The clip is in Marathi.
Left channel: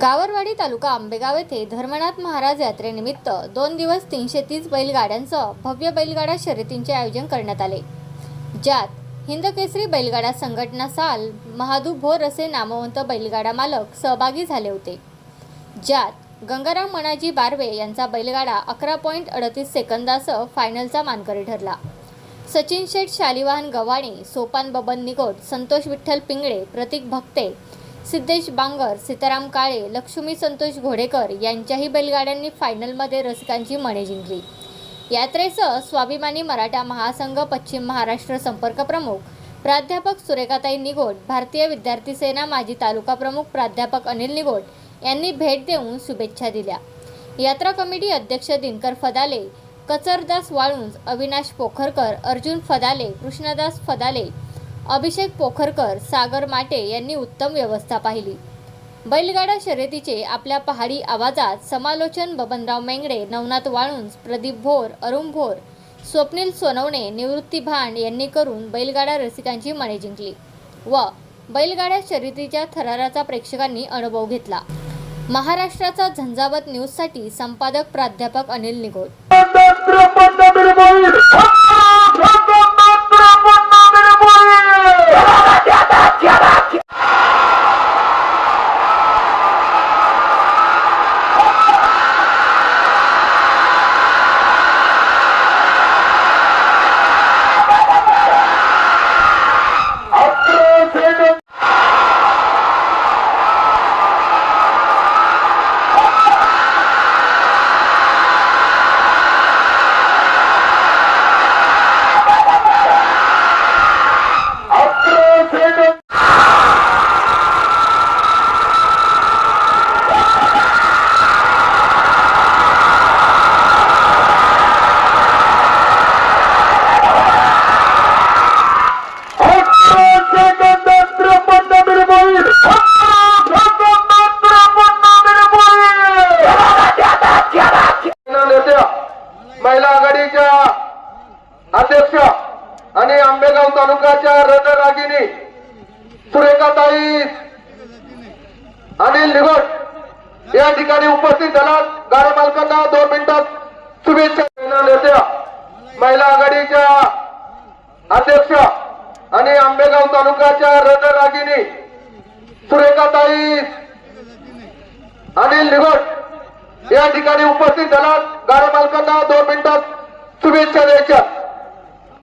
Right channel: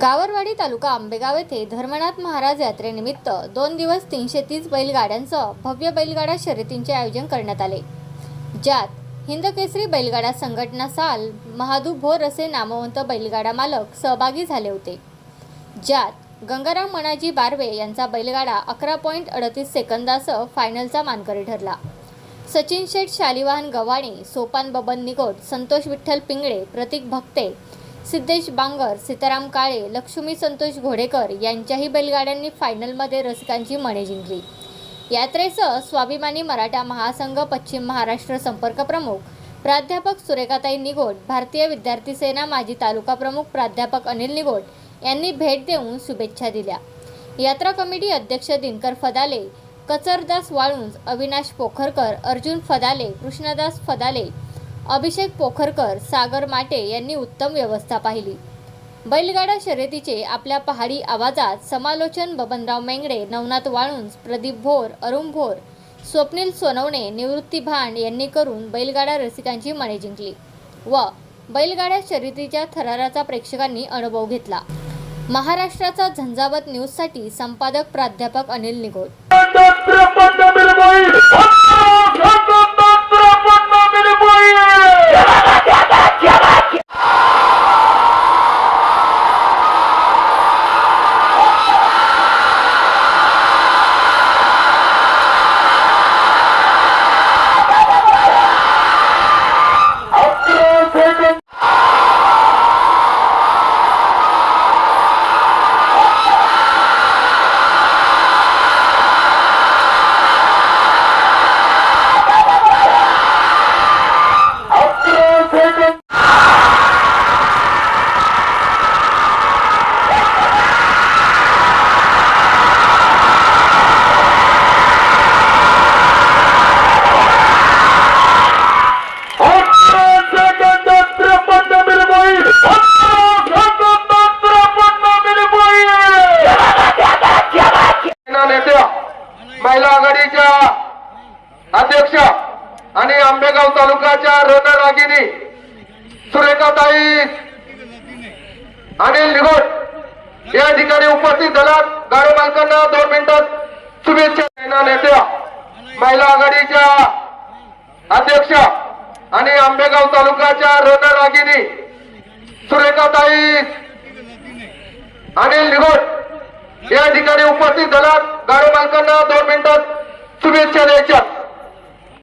गावरवाडी तालुका आंबेगाव येथे धर्मनाथ महाराज यात्रेनिमित्त दोन दिवस तीनशे तीस बैलगाड्यांसह भव्य बैलगाडा शर्यतींचे आयोजन करण्यात आले. ज्यात हिंदकेसरी बैलगाडा संघटना साल महादू भोर असे नामवंत बैलगाडा मालक सहभागी झाले होते. ज्यात गंगाराम मणाजी बारवे यांचा बैलगाडा अकरा पॉईंट अडतीस सेकंदासह फायनलचा मानकरी ठरला. सचिन शेठ शालिवाहन गव्हाणे सोपान बबन निगोट संतोष विठ्ठल पिंगळे प्रतीक भक्ते सिद्धेश बांगर सीताराम काळे लक्ष्मी संतोष घोडेकर यांच्याही बैलगाड्यांनी फायनलमध्ये रसिकांची मने जिंकली. यात्रेसह स्वाभिमानी मराठा महासंघ पश्चिम महाराष्ट्र संपर्क प्रमुख प्राध्यापक सुरेखाताई निगोट भारतीय विद्यार्थी सेना माजी तालुका प्रमुख प्राध्यापक अनिल निगोट यांनी भेट देऊन शुभेच्छा दिल्या. यात्रा कमिटी अध्यक्ष दिनकर फदाले कचरदास वाळुंज अविनाश पोखरकर अर्जुन फदाले कृष्णदास फदाले अभिषेक पोखरकर सागर माटे यांनी उत्तम व्यवस्था पाहिली. बैलगाडा शर्यतीचे आपल्या पहाडी आवाजात समालोचन बबनराव मेंगडे नवनाथ वाळुंज प्रदीप भोर अरुण भोर स्वप्नील सोनवणे निवृत्ती भांड यांनी करून बैलगाडा रसिकांची मने जिंकली व बैलगाड्या शर्यतीच्या थराराचा प्रेक्षकांनी अनुभव घेतला. महाराष्ट्राचा झंझावत न्यूजसाठी संपादक प्राध्यापक अनिल निगोट आघाडीच्या अध्यक्ष आणि आंबेगाव तालुक्याच्या रणरागिनी सुरेखाताई अनिल निगोट या ठिकाणी उपस्थित झालात गाडी मालकांना दोन मिनिटात शुभेच्छा नेत्या महिला आघाडीच्या अध्यक्ष आणि आंबेगाव तालुक्याच्या रणरागिनी सुरेखाताई अनिल निगोट या ठिकाणी उपस्थित झालात गाडी मालकांना दोन मिनिटात చూపించలేక